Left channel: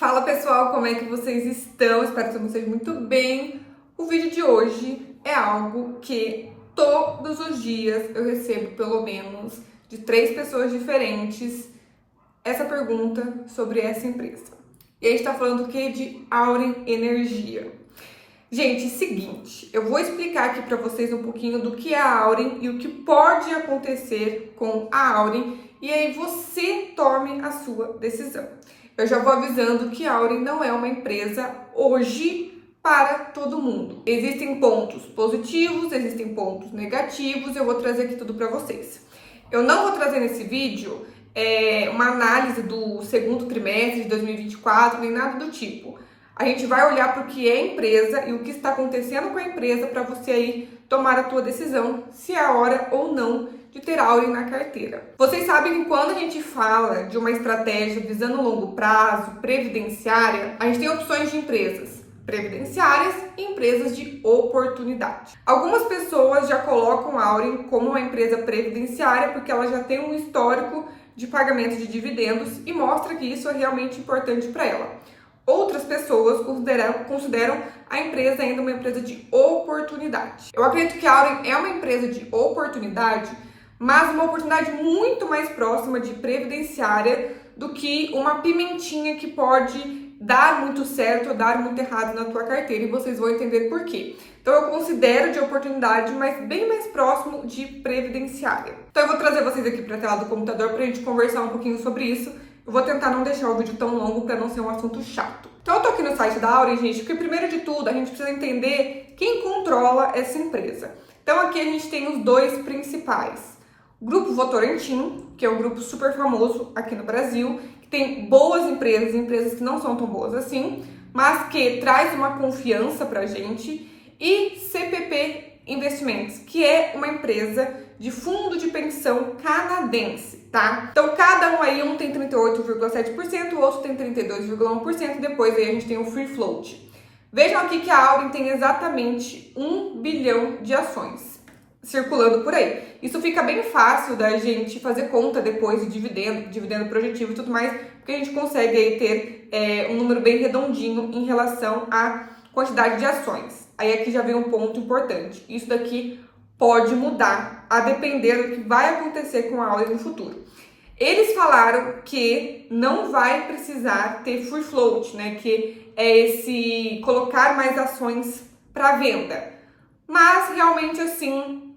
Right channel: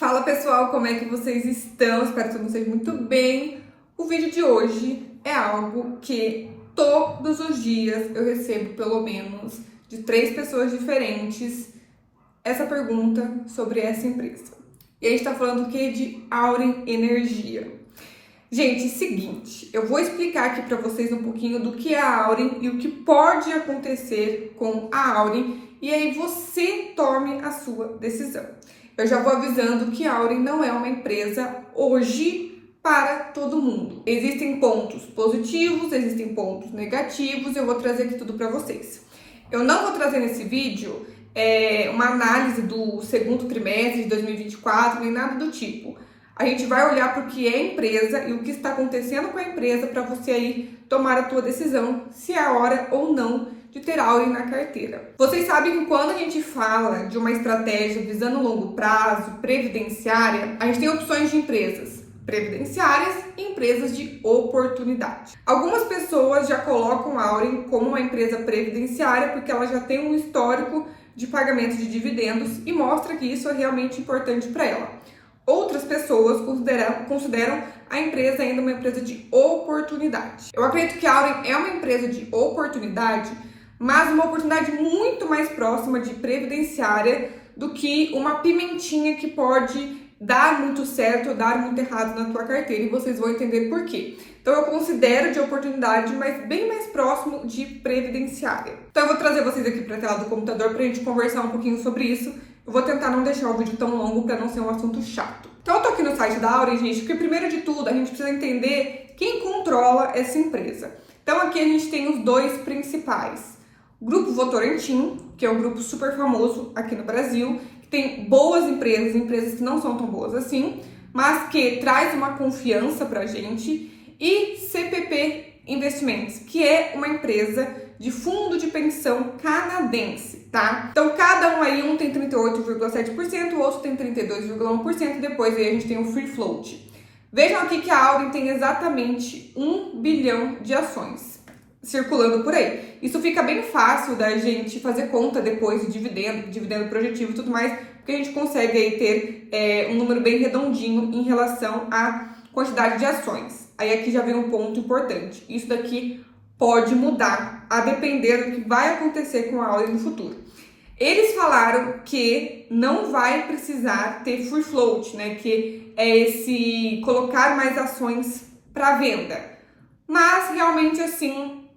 Fala pessoal, como é que vocês estão? Espero que todos vocês muito bem. O vídeo de hoje é algo que todos os dias eu recebo pelo menos de 3 pessoas diferentes essa pergunta sobre essa empresa. E a gente tá falando o que? De Auren Energia. Gente, seguinte, eu vou explicar aqui para vocês um pouquinho do que é a Auren e o que pode acontecer com a Auren, e aí você tome a sua decisão. Eu já vou avisando que a Auren não é uma empresa hoje para todo mundo. Existem pontos positivos, existem pontos negativos, eu vou trazer aqui tudo para vocês. Eu não vou trazer nesse vídeo uma análise do segundo trimestre de 2024, nem nada do tipo. A gente vai olhar para o que é a empresa e o que está acontecendo com a empresa para você aí tomar a tua decisão se é a hora ou não de ter Auren na carteira. Vocês sabem que quando a gente fala de uma estratégia visando longo prazo, previdenciária, a gente tem opções de empresas previdenciárias e empresas de oportunidade. Algumas pessoas já colocam a Auren como uma empresa previdenciária porque ela já tem um histórico de pagamento de dividendos e mostra que isso é realmente importante para ela. Outras pessoas consideram a empresa ainda uma empresa de oportunidade. Eu acredito que a Auren é uma empresa de oportunidade, mas uma oportunidade muito mais próxima de previdenciária do que uma pimentinha que pode dar muito certo ou dar muito errado na tua carteira, e vocês vão entender por quê. Então eu considero de oportunidade, mas bem mais próximo de previdenciária. Então eu vou trazer vocês aqui para a tela do computador para a gente conversar um pouquinho sobre isso. Eu vou tentar não deixar o vídeo tão longo para não ser um assunto chato. Então eu tô aqui no site da Auren, gente, porque primeiro de tudo a gente precisa entender quem controla essa empresa. Então aqui a gente tem os dois principais. O Grupo Votorantim, que é um grupo super famoso aqui no Brasil, que tem boas empresas, empresas que não são tão boas assim, mas que traz uma confiança pra gente, e CPP Investimentos, que é uma empresa de fundo de pensão canadense, tá? Então, cada um aí, um tem 38,7%, o outro tem 32,1%, e depois aí a gente tem o free float. Vejam aqui que a Auren tem exatamente 1 bilhão de ações circulando por aí. Isso fica bem fácil da gente fazer conta depois de dividendo projetivo e tudo mais, porque a gente consegue aí ter um número bem redondinho em relação à quantidade de ações. Aí aqui já vem um ponto importante. Isso daqui pode mudar a depender do que vai acontecer com a Auren no futuro. Eles falaram que não vai precisar ter free float, né? Que é esse colocar mais ações para venda. Mas realmente assim,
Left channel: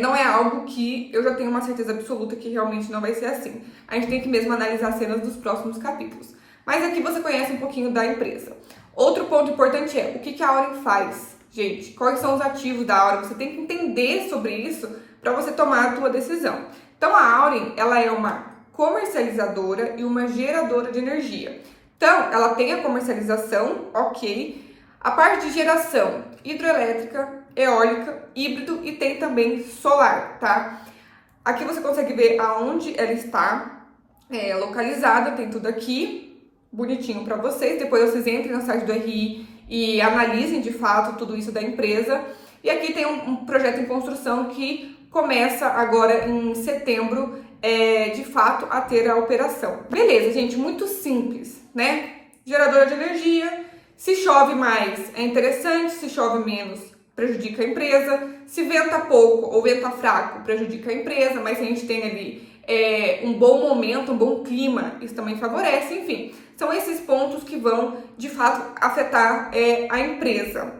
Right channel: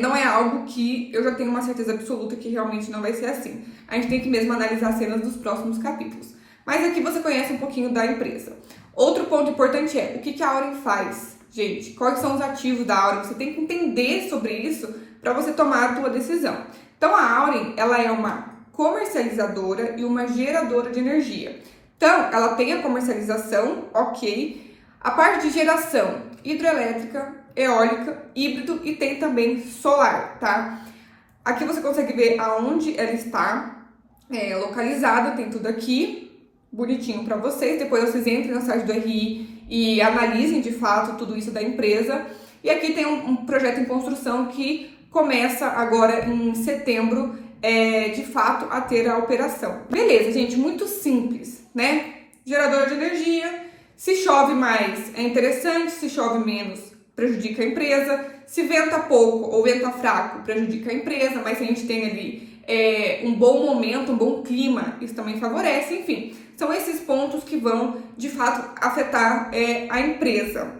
não é algo que eu já tenho uma certeza absoluta que realmente não vai ser assim. A gente tem que mesmo analisar cenas dos próximos capítulos. Mas aqui você conhece um pouquinho da empresa. Outro ponto importante é o que a Auren faz, gente. Quais são os ativos da Auren? Você tem que entender sobre isso para você tomar a tua decisão. Então a Auren, ela é uma comercializadora e uma geradora de energia. Então ela tem a comercialização, ok. A parte de geração hidrelétrica, eólica, híbrido e tem também solar, tá? Aqui você consegue ver aonde ela está localizada, tem tudo aqui bonitinho para vocês. Depois vocês entrem no site do RI e analisem de fato tudo isso da empresa. E aqui tem um projeto em construção que começa agora em setembro, de fato, a ter a operação. Beleza, gente, muito simples, né? Geradora de energia, se chove mais é interessante, se chove menos prejudica a empresa, se venta pouco ou venta fraco prejudica a empresa, mas se a gente tem ali um bom momento, um bom clima, isso também favorece, enfim. São esses pontos que vão, de fato, afetar a empresa.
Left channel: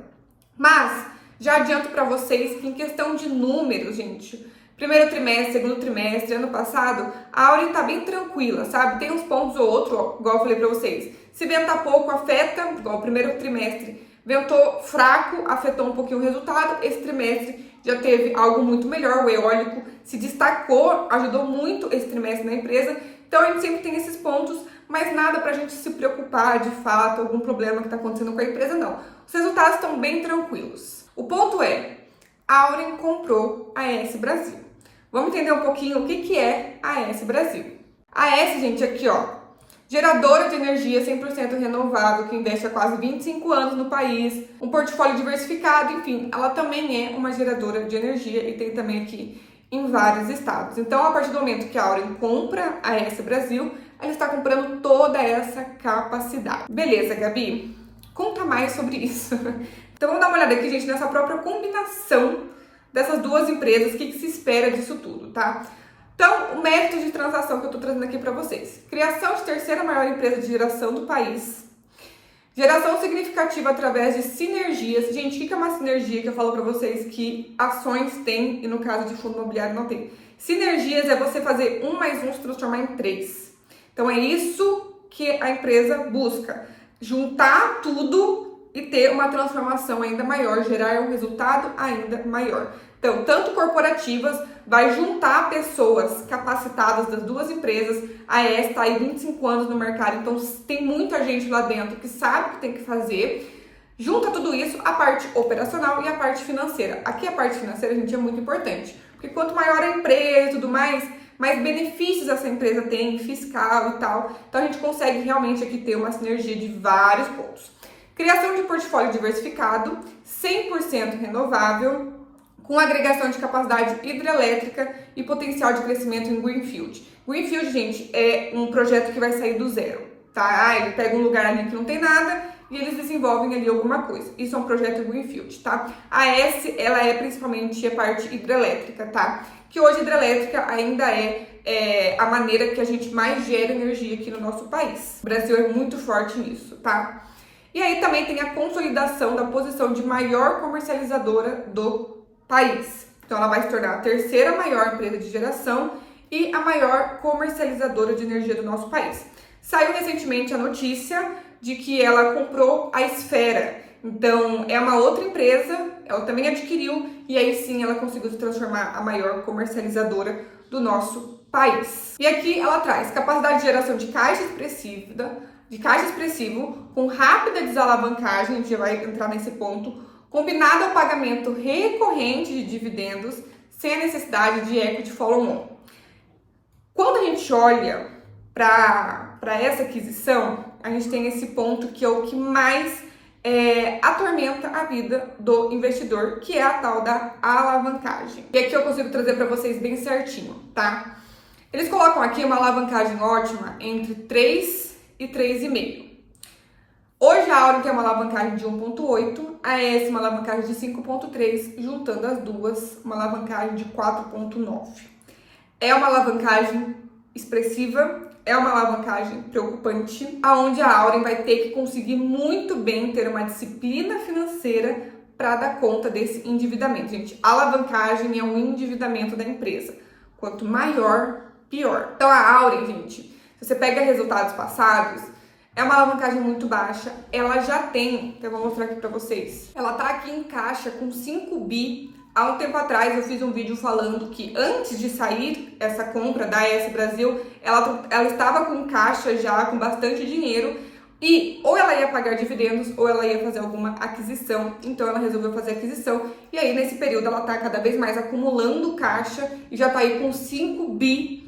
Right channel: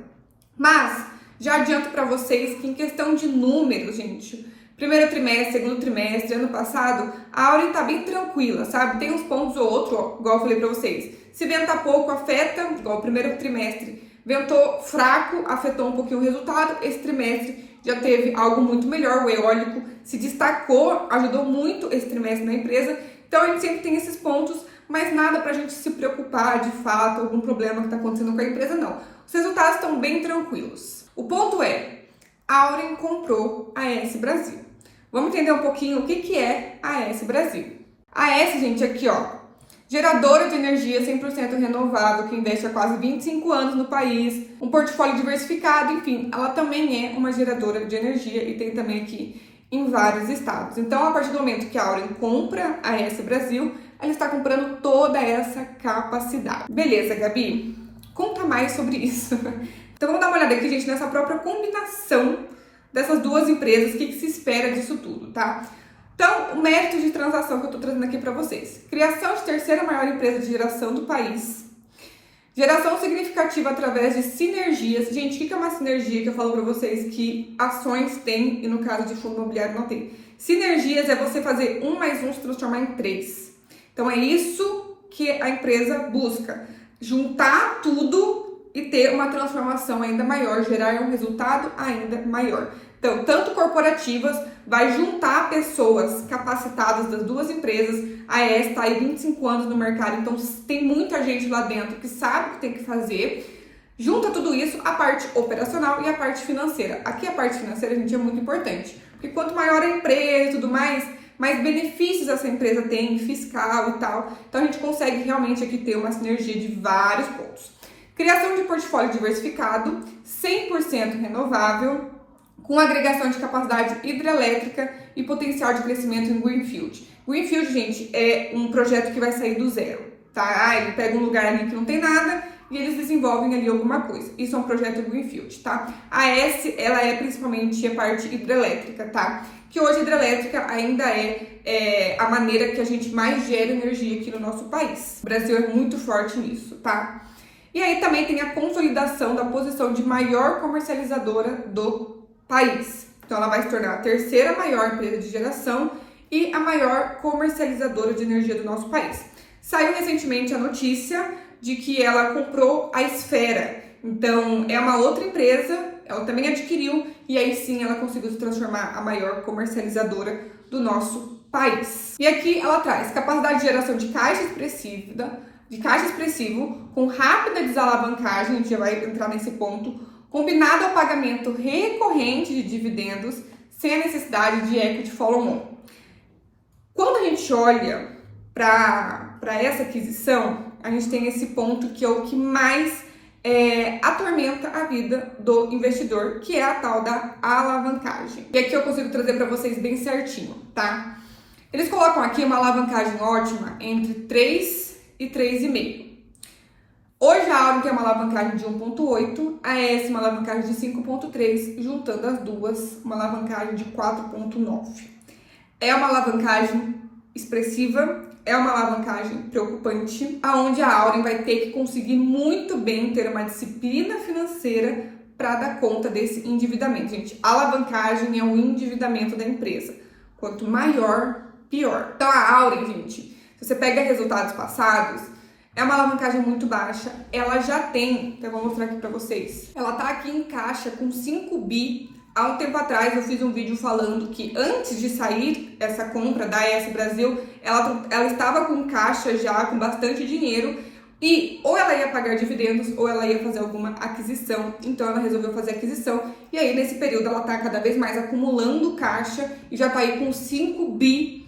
Mas já adianto para vocês que em questão de números, gente, primeiro trimestre, segundo trimestre, ano passado, a Auren tá bem tranquila, sabe? Tem uns pontos ou outro, ó, igual eu falei para vocês. Se ventar pouco, afeta, igual o primeiro trimestre. Ventou fraco, afetou um pouquinho o resultado. Esse trimestre já teve algo muito melhor. O eólico se destacou, ajudou muito esse trimestre na empresa. Então a gente sempre tem esses pontos, mas nada pra gente se preocupar de fato, algum problema que tá acontecendo com a empresa, não. Os resultados estão bem tranquilos. O ponto é, a Auren comprou a AS Brasil. Vamos entender um pouquinho o que é a AS Brasil. A AS, gente, aqui ó, geradora de energia 100% renovável, que investe há quase 25 anos no país, um portfólio diversificado, enfim, ela também é uma geradora de energia e tem também aqui em vários estados. Então, a partir do momento que a Auren compra a AS Brasil, ela está comprando toda essa capacidade. Beleza, Gabi? Conta mais sobre isso. Então vamos dar uma olhada aqui, gente, nessa própria combinação dessas duas empresas, o que se espera disso tudo, tá? Então, o mérito de transação que eu tô trazendo aqui para vocês. Criação de terceira maior empresa de geração do país. Geração significativa através de sinergias. Gente, o que é uma sinergia que eu falo para vocês que ações têm e no caso de fundo imobiliário não tem? Sinergias é você fazer 1 mais 1 se transformar em 3. Então, é isso que a empresa busca. Juntar tudo e ter uma transformação ainda maior, gerar um resultado ainda maior. Então, tanto corporativas, vai juntar pessoas capacitadas das duas empresas. A AES está aí 25 anos no mercado, então tem muita gente lá dentro que sabe o que tem que fazer. Junta tudo isso, a parte operacional e a parte financeira. Aqui a parte financeira, gente, é muito importante, porque quanto maior a empresa e tudo mais benefícios essa empresa tem, fiscal e tal. Então, a gente consegue realmente aqui ter uma sinergia de vários pontos. Criação de portfólio diversificado, 100% renovável, com agregação de capacidade hidrelétrica e potencial de crescimento em Greenfield. Greenfield, gente, é um projeto que vai sair do zero, tá? Ele pega um lugar ali que não tem nada e eles desenvolvem ali alguma coisa. Isso é um projeto Greenfield, tá? A AES, ela é principalmente a parte hidrelétrica, tá? Que hoje a hidrelétrica ainda é a maneira que a gente mais gera energia aqui no nosso país. O Brasil é muito forte nisso, tá? E aí também tem a consolidação da posição de maior comercializadora do país. Então ela vai se tornar a terceira maior empresa de geração e a maior comercializadora de energia do nosso país. Saiu recentemente a notícia de que ela comprou a Esfera. Então é uma outra empresa, ela também adquiriu e aí sim ela conseguiu se transformar a maior comercializadora do nosso país. E aqui ela traz capacidade de geração de caixa expressivo com rápida desalavancagem, a gente já vai entrar nesse ponto, combinado ao pagamento recorrente de dividendos sem a necessidade de equity follow-on. Quando a gente olha para essa aquisição, a gente tem esse ponto que é o que mais atormenta a vida do investidor, que é a tal da alavancagem. E aqui eu consigo trazer para vocês bem certinho, tá? Eles colocam aqui uma alavancagem ótima entre 3 e 3,5. Hoje a Auren tem uma alavancagem de 1,8, a AES uma alavancagem de 5,3, juntando as duas, uma alavancagem de 4,9. É uma alavancagem expressiva, é uma alavancagem preocupante, aonde a Auren vai ter que conseguir muito bem ter uma disciplina financeira para dar conta desse endividamento. Gente, a alavancagem é o endividamento da empresa. Quanto maior, pior. Então a Auren, gente, se você pega resultados passados, é uma alavancagem muito baixa. Ela já tem, eu vou mostrar aqui para vocês. Ela tá aqui em caixa com 5 bi. Há um tempo atrás eu fiz um vídeo falando que antes de sair essa compra da AES Brasil, ela estava com caixa já, com bastante dinheiro. E ou ela ia pagar dividendos ou ela ia fazer alguma aquisição. Então ela resolveu fazer aquisição. E aí nesse período ela tá cada vez mais acumulando caixa e já tá aí com 5 bi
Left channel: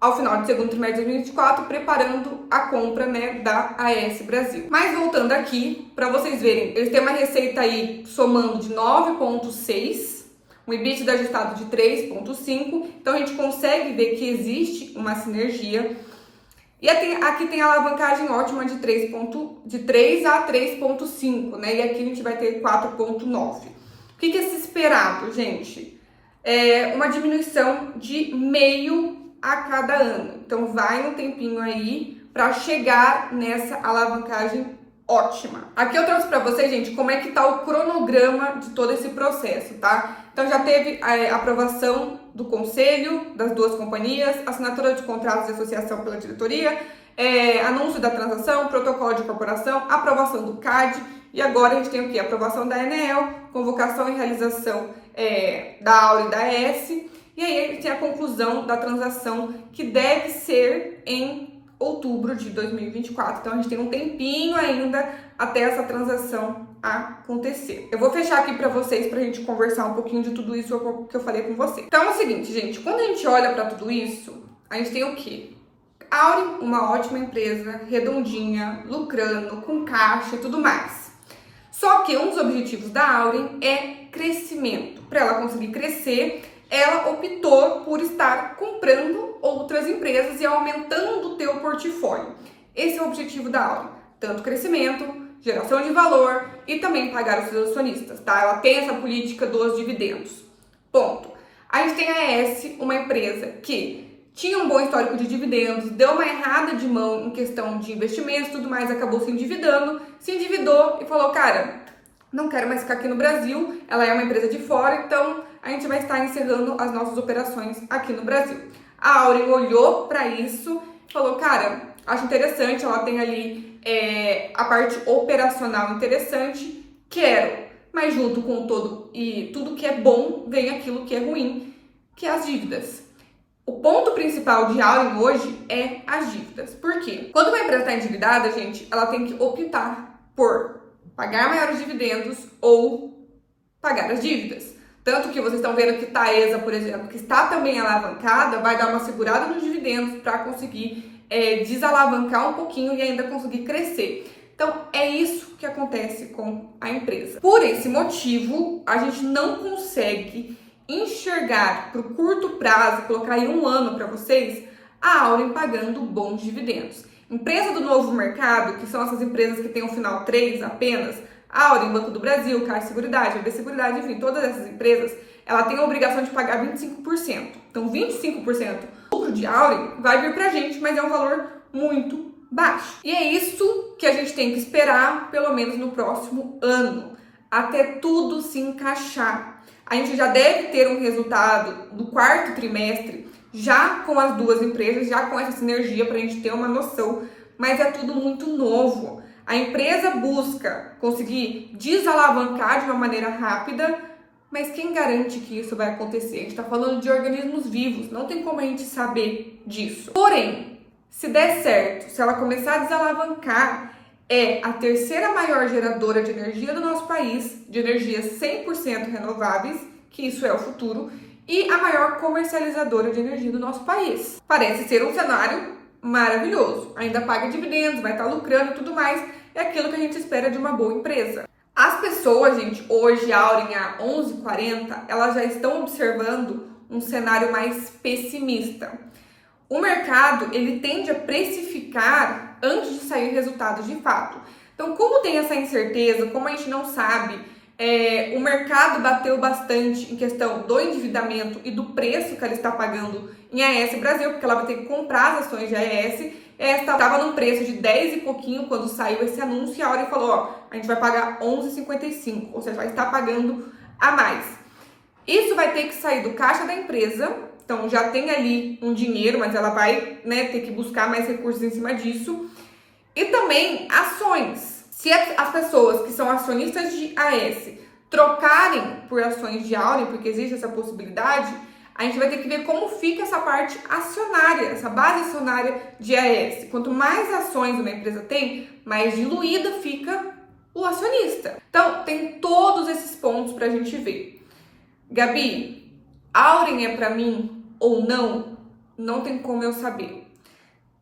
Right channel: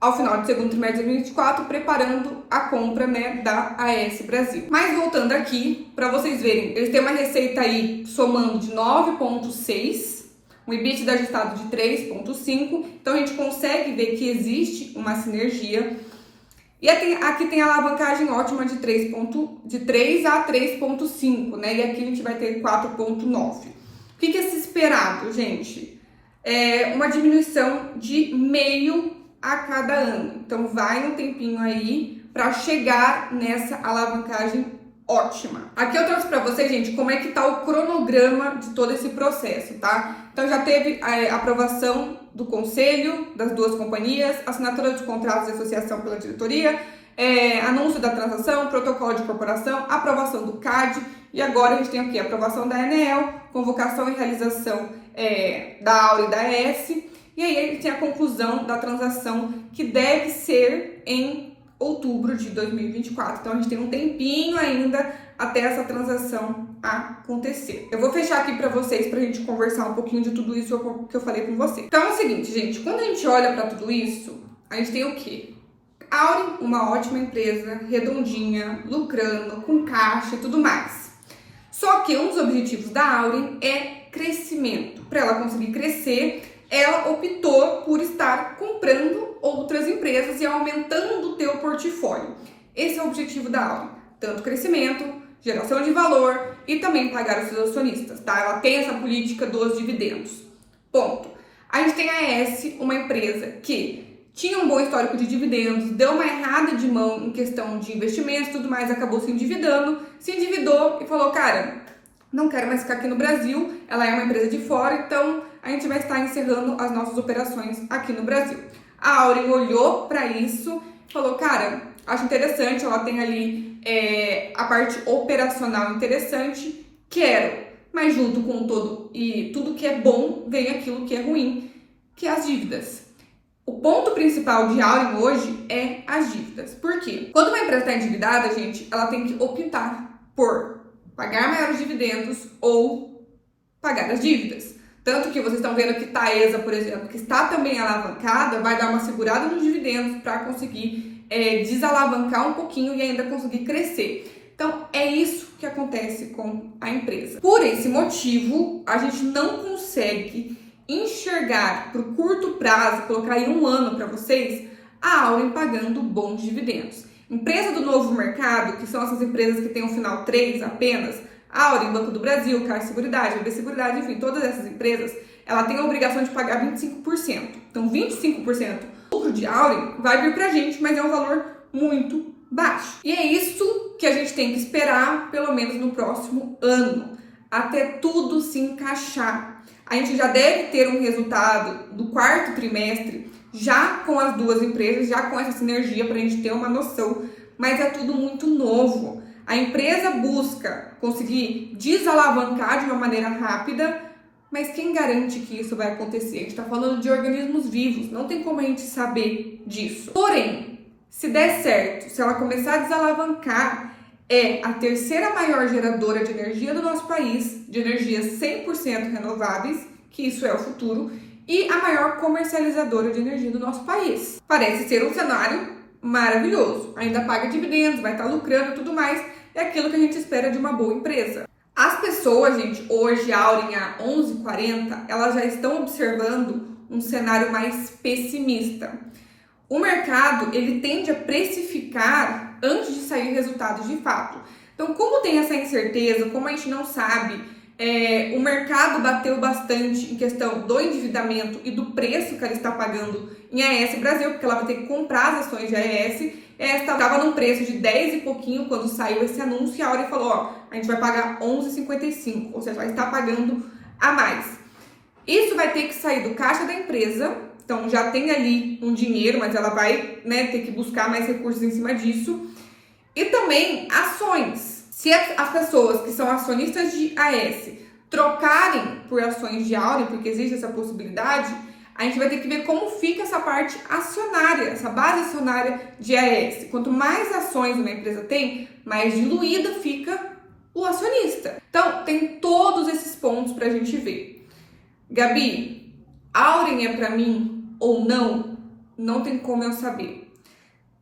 ao final do segundo trimestre de 2024, preparando a compra, né, da AES Brasil. Mas voltando aqui, para vocês verem, eles têm uma receita aí somando de 9,6, um EBITDA ajustado de 3,5, então a gente consegue ver que existe uma sinergia. E aqui tem a alavancagem ótima de 3 a 3,5, né, e aqui a gente vai ter 4,9. O que é se esperado, gente? É uma diminuição de meio a cada ano. Então vai um tempinho aí para chegar nessa alavancagem ótima. Aqui eu trouxe para vocês, gente, como é que tá o cronograma de todo esse processo, tá? Então já teve a aprovação do conselho das duas companhias, assinatura de contratos de associação pela diretoria, anúncio da transação, protocolo de incorporação, aprovação do CAD e agora a gente tem o quê? Aprovação da ANEEL, convocação e realização da Auren e da AES. E aí ele tem a conclusão da transação que deve ser em outubro de 2024. Então a gente tem um tempinho ainda até essa transação acontecer. Eu vou fechar aqui para vocês pra gente conversar um pouquinho de tudo isso que eu falei com vocês. Então é o seguinte, gente, quando a gente olha para tudo isso, a gente tem o quê? Auren, uma ótima empresa, redondinha, lucrando, com caixa e tudo mais. Só que um dos objetivos da Auren é crescimento. Para ela conseguir crescer, ela optou por estar comprando outras empresas e aumentando o teu portfólio. Esse é o objetivo da Auren, tanto crescimento, geração de valor e também pagar os seus acionistas, tá? Ela tem essa política dos dividendos. Ponto. A gente tem a ES, uma empresa que tinha um bom histórico de dividendos, deu uma errada de mão em questão de investimentos e tudo mais, acabou se endividou e falou, cara, não quero mais ficar aqui no Brasil, ela é uma empresa de fora, então a gente vai estar encerrando as nossas operações aqui no Brasil. A Auren olhou para isso e falou, cara, acho interessante, ela tem ali a parte operacional interessante, quero, mas junto com todo e tudo que é bom, vem aquilo que é ruim, que é as dívidas. O ponto principal de Auren hoje é as dívidas. Por quê? Quando uma empresa está endividada, gente, ela tem que optar por pagar maiores dividendos ou pagar as dívidas. Tanto que vocês estão vendo que Taesa, por exemplo, que está também alavancada, vai dar uma segurada nos dividendos para conseguir desalavancar um pouquinho e ainda conseguir crescer. Então, é isso que acontece com a empresa. Por esse motivo, a gente não consegue enxergar para o curto prazo, colocar aí um ano para vocês, a Auren pagando bons dividendos. Empresa do novo mercado, que são essas empresas que têm um final 3 apenas, Auren, Banco do Brasil, Caixa Seguridade, BB Seguridade, enfim, todas essas empresas, ela tem a obrigação de pagar 25%. Então, 25% do lucro de Auren vai vir pra gente, mas é um valor muito baixo. E é isso que a gente tem que esperar, pelo menos no próximo ano, até tudo se encaixar. A gente já deve ter um resultado do quarto trimestre, já com as duas empresas, já com essa sinergia para a gente ter uma noção, mas é tudo muito novo. A empresa busca conseguir desalavancar de uma maneira rápida, mas quem garante que isso vai acontecer? A gente está falando de organismos vivos, não tem como a gente saber disso. Porém, se der certo, se ela começar a desalavancar, é a terceira maior geradora de energia do nosso país, de energias 100% renováveis, que isso é o futuro, e a maior comercializadora de energia do nosso país. Parece ser um cenário maravilhoso. Ainda paga dividendos, vai estar lucrando e tudo mais. É aquilo que a gente espera de uma boa empresa. As pessoas, gente, hoje, Auren, a 11h40, elas já estão observando um cenário mais pessimista. O mercado, ele tende a precificar antes de sair resultados de fato. Então, como tem essa incerteza, como a gente não sabe, o mercado bateu bastante em questão do endividamento e do preço que ela está pagando em AES Brasil, porque ela vai ter que comprar as ações de AES. Esta estava num preço de 10 e pouquinho quando saiu esse anúncio e a Auren falou, ó, a gente vai pagar 11,55, ou seja, vai estar pagando a mais. Isso vai ter que sair do caixa da empresa, então já tem ali um dinheiro, mas ela vai, ter que buscar mais recursos em cima disso. E também ações. Se as pessoas que são acionistas de AES trocarem por ações de Auren, porque existe essa possibilidade, a gente vai ter que ver como fica essa parte acionária, essa base acionária de AES. Quanto mais ações uma empresa tem, mais diluída fica o acionista. Então, tem todos esses pontos para a gente ver. Gabi, Auren é para mim ou não? Não tem como eu saber.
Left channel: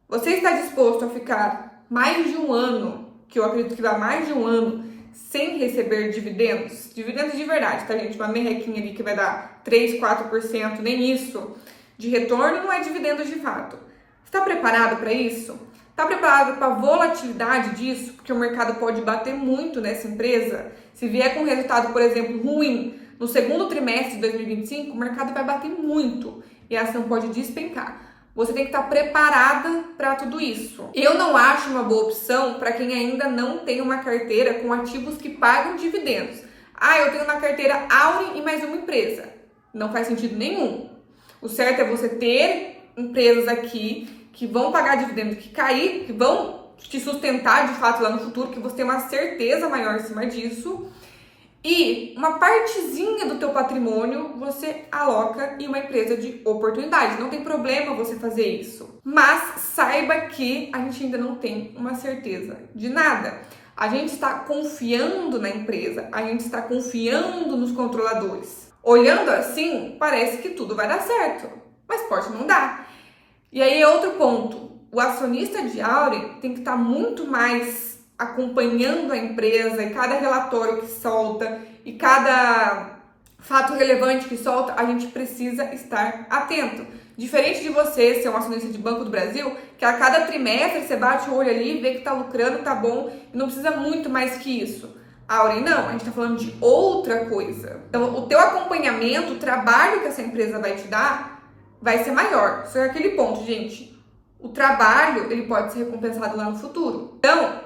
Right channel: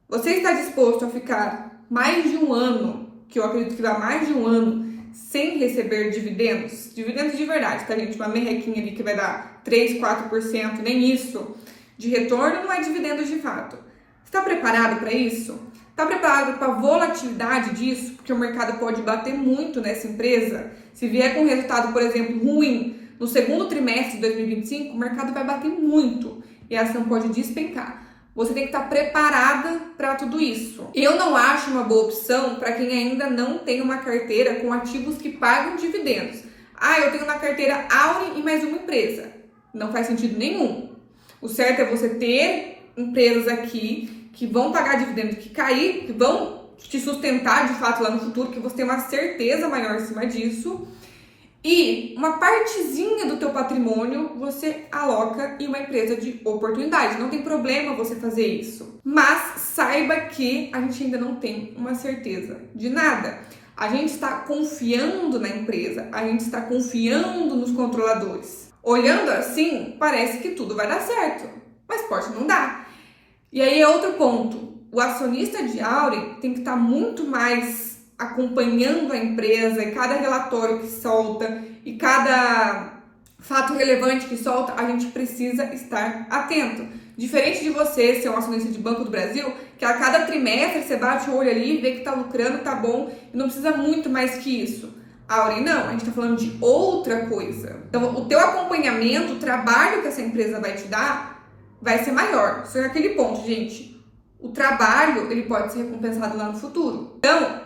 Você está disposto a ficar mais de um ano, que eu acredito que dá mais de um ano, sem receber dividendos? Dividendos de verdade, tá, gente? Uma merrequinha ali que vai dar 3, 4%, nem isso de retorno, não é dividendos de fato. Está preparado para isso? Está preparado para a volatilidade disso? Porque o mercado pode bater muito nessa empresa. Se vier com um resultado, por exemplo, ruim no segundo trimestre de 2025, o mercado vai bater muito e a ação pode despencar. Você tem que estar preparada para tudo isso. Eu não acho uma boa opção para quem ainda não tem uma carteira com ativos que pagam dividendos. Eu tenho na carteira Auren e mais uma empresa. Não faz sentido nenhum. O certo é você ter empresas aqui que vão pagar dividendos, que vão te sustentar de fato lá no futuro, que você tem uma certeza maior em cima disso. E uma partezinha do teu patrimônio você aloca em uma empresa de oportunidade. Não tem problema você fazer isso. Mas saiba que a gente ainda não tem uma certeza de nada. A gente está confiando na empresa, a gente está confiando nos controladores. Olhando assim, parece que tudo vai dar certo, mas pode não dar. E aí é outro ponto. O acionista de Auren tem que estar muito mais acompanhando a empresa e cada relatório que solta e cada fato relevante que solta, a gente precisa estar atento. Diferente de você ser um acionista de Banco do Brasil, que a cada trimestre você bate o olho ali, vê que tá lucrando, tá bom, e não precisa muito mais que isso. A Auren não, a gente tá falando de outra coisa. Então, o teu acompanhamento, o trabalho que essa empresa vai te dar, vai ser maior. Só que aquele ponto, gente, o trabalho, ele pode ser recompensado lá no futuro. Então,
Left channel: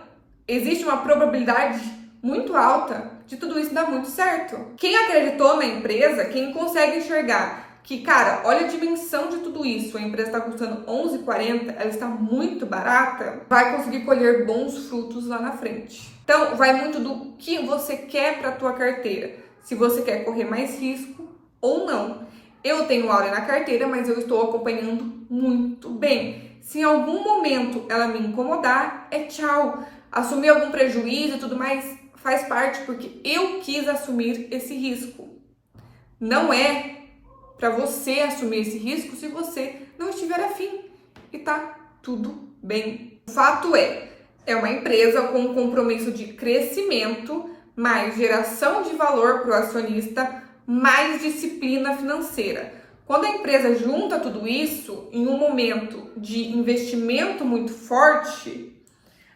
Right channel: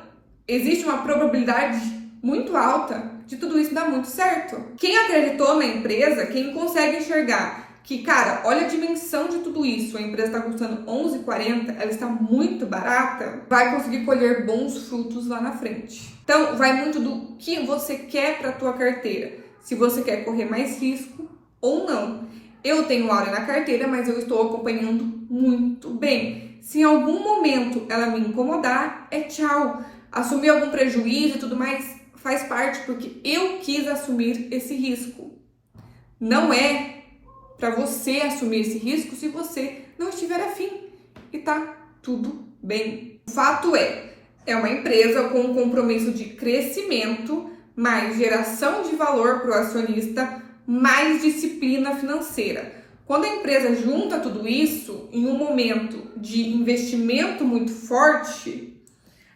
existe uma probabilidade muito alta de tudo isso dar muito certo. Quem acreditou na empresa, quem consegue enxergar que, cara, olha a dimensão de tudo isso, a empresa está custando R$11,40, ela está muito barata, vai conseguir colher bons frutos lá na frente. Então, vai muito do que você quer para a tua carteira. Se você quer correr mais risco ou não. Eu tenho Auren na carteira, mas eu estou acompanhando muito bem. Se em algum momento ela me incomodar, é tchau. Assumir algum prejuízo e tudo mais faz parte, porque eu quis assumir esse risco. Não é para você assumir esse risco se você não estiver afim. E tá tudo bem. O fato é uma empresa com um compromisso de crescimento, mais geração de valor para o acionista, mais disciplina financeira. Quando a empresa junta tudo isso em um momento de investimento muito forte,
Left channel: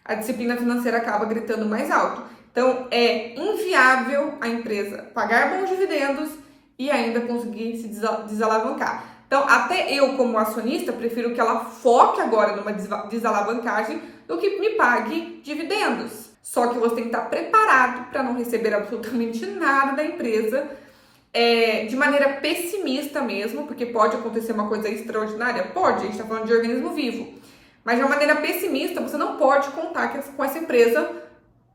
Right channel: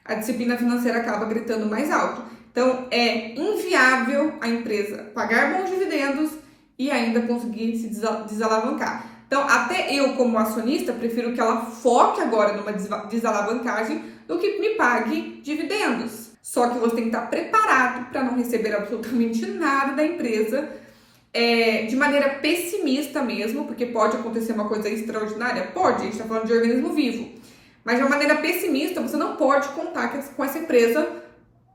a disciplina financeira acaba gritando mais alto. Então, é inviável a empresa pagar bons dividendos e ainda conseguir se desalavancar. Então, até eu, como acionista, prefiro que ela foque agora numa desalavancagem do que me pague dividendos. Só que você tem que estar preparado para não receber absolutamente nada da empresa de maneira pessimista mesmo, porque pode acontecer uma coisa extraordinária? Pode, a gente está falando de organismo vivo. Mas de uma maneira pessimista, você não pode contar com essa empresa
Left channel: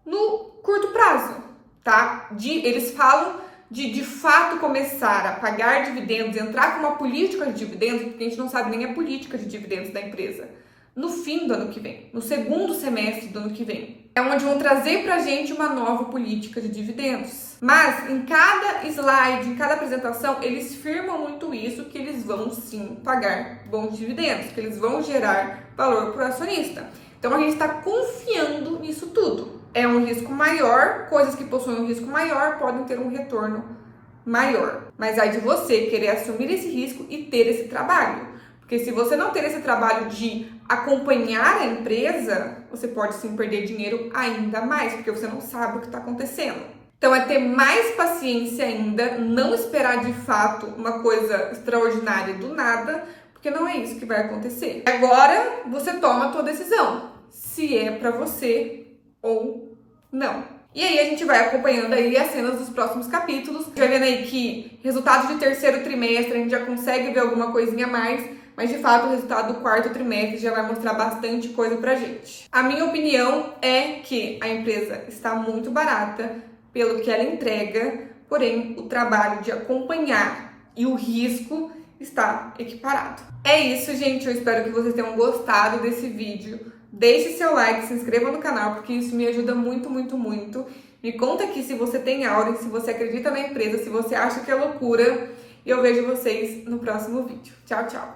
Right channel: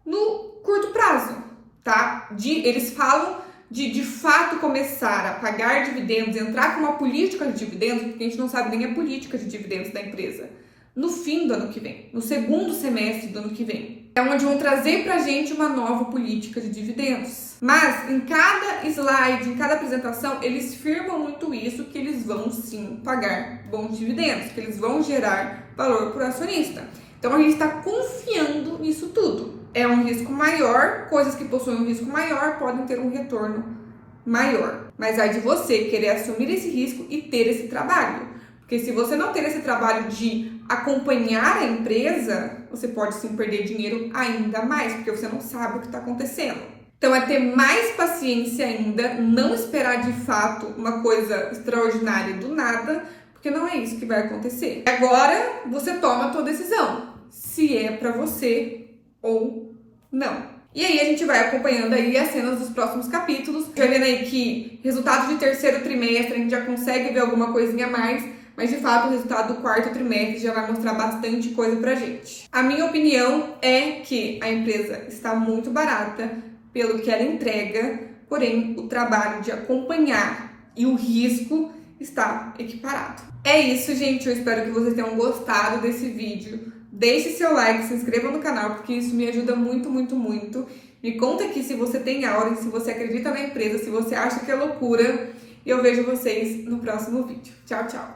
no curto prazo, tá? Eles falam de fato começar a pagar dividendos, entrar com uma política de dividendos, porque a gente não sabe nem a política de dividendos da empresa, no fim do ano que vem, no segundo semestre do ano que vem. É onde vão trazer pra gente uma nova política de dividendos. Mas em cada slide, em cada apresentação, eles firmam muito isso, que eles vão sim pagar bons dividendos, que eles vão gerar valor para o acionista. Então a gente está confiando nisso tudo. É um risco maior, coisas que possuem um risco maior podem ter um retorno maior. Mas aí de você querer assumir esse risco e ter esse trabalho. Porque se você não ter esse trabalho de acompanhar a empresa, você pode sim perder dinheiro ainda mais, porque você não sabe o que está acontecendo. Então é ter mais paciência ainda, não esperar de fato uma coisa extraordinária do nada, porque não é isso que vai acontecer. Agora você toma a tua decisão, se é para você ou não. E aí a gente vai acompanhando aí as cenas dos próximos capítulos. Já vendo aí que resultado de terceiro trimestre a gente já consegue ver alguma coisinha a mais, mas de fato o resultado do quarto trimestre já vai mostrar bastante coisa pra gente. A minha opinião é que a empresa está muito barata pelo que ela entrega, porém o trabalho de acompanhar e o risco está equiparado. É isso, gente. Eu espero que vocês tenham gostado desse vídeo. Deixe seu like, se inscreva no canal, porque isso me ajuda muito, muito, muito. Me conta aqui se você tem Auren, se você acredita na empresa, se você acha que é loucura. E eu vejo vocês no próximo vídeo. Tchau, tchau!